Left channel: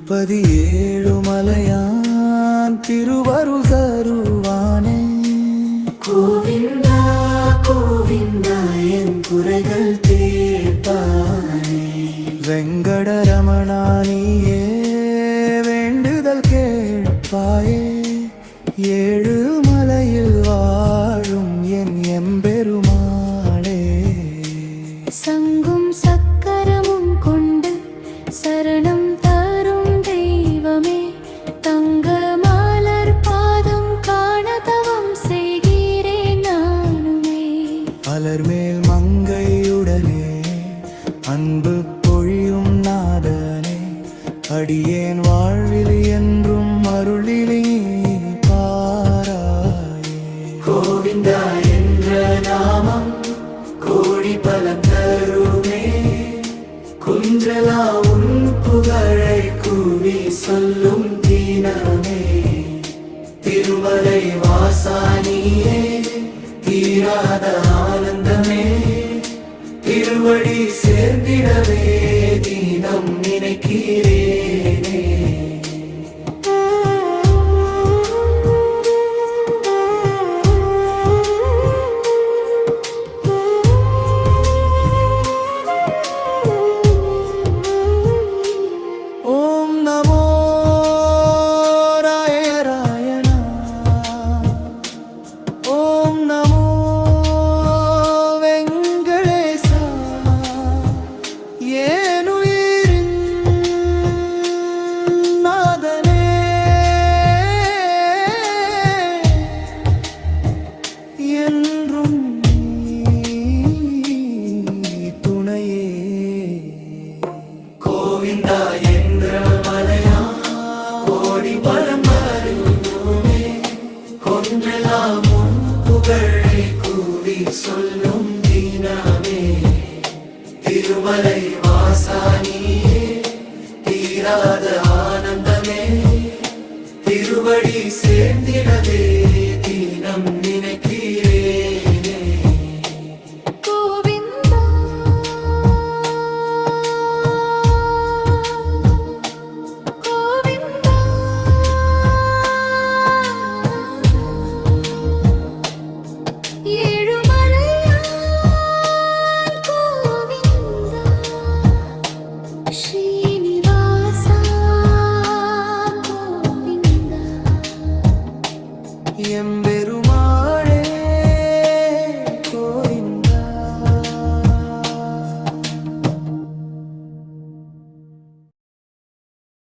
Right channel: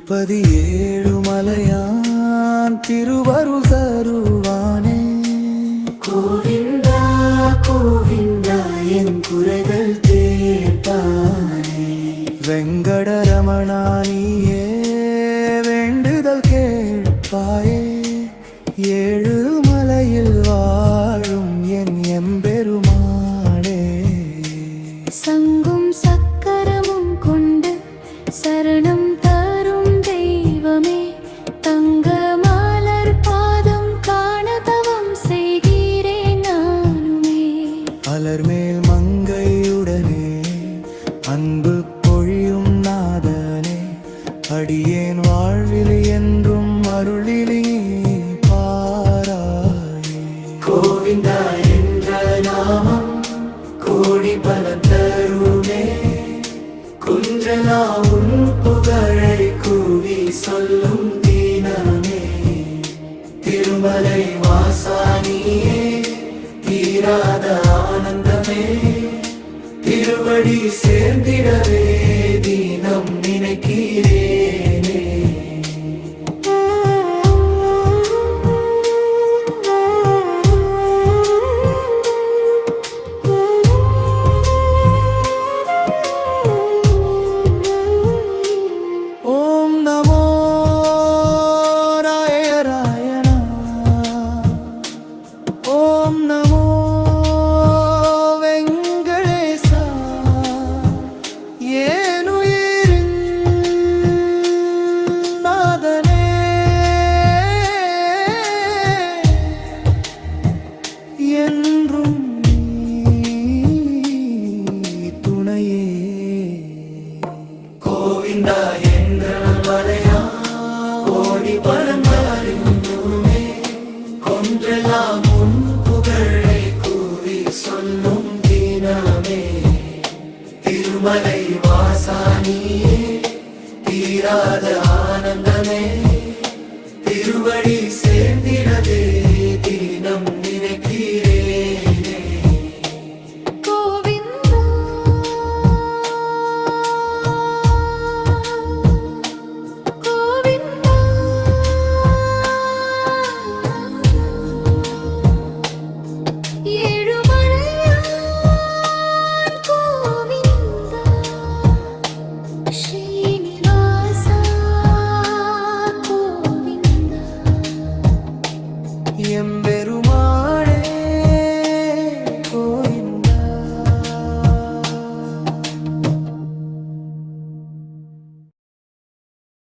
திருப்பதி ஏழுமலையான் திருவருள் தருவானே. கோவிந்தா கோவிந்தா என் குறைகள் தீர்ப்பானே. வெங்கடரமணா நீயே வேண்டுதல் கேட்பாயே. ஏழுமலையில் வாழும் என் எம்பெருமாளே. சங்கும் சக்கரமும் கொண்டு சரணம் தரும் தெய்வமே. தங்க மலர் பாதம் காண தவம் செய்கிறேன் நானுமே. அலர்மேல் மங்கையுடனே அன்பு பொழியும் நாதனே. அடியேன் வாழ்வில் என்றும் அருளிலே பாராயே. கோவிந்தா என்ற நாமம் கோடி பலன் தருமே. குன்றலா உன் புகழை கூவி சொல்லும் தீனமே. திருமலை வாசானியே தீராத ஆனந்தமே. திருவடி சேர்ந்திடவே தினம் நினைக்கிறேனே. ஓம் நமோ ராயராயணா. ஓம் நமோ வெங்கடேசா. ஏனுயிரின் நாதனே என்றும் துணையே. கோவிந்தா என்ற மலையா கோடி பலம் அறிந்தோமே. கொன்றெல்லாம் உன் புகழை கூவி சொல்லும் தினமே. திருமலை வாசானியே தீராத ஆனந்தமே. திருவடி சேர்ந்திடவே தினம் நினைக்கிறேனே. கோவிந்தா கோவிந்தா ஏழுமலையான் கோவிந்தா. ஸ்ரீனிவாசா கோவிந்தா. எம்பே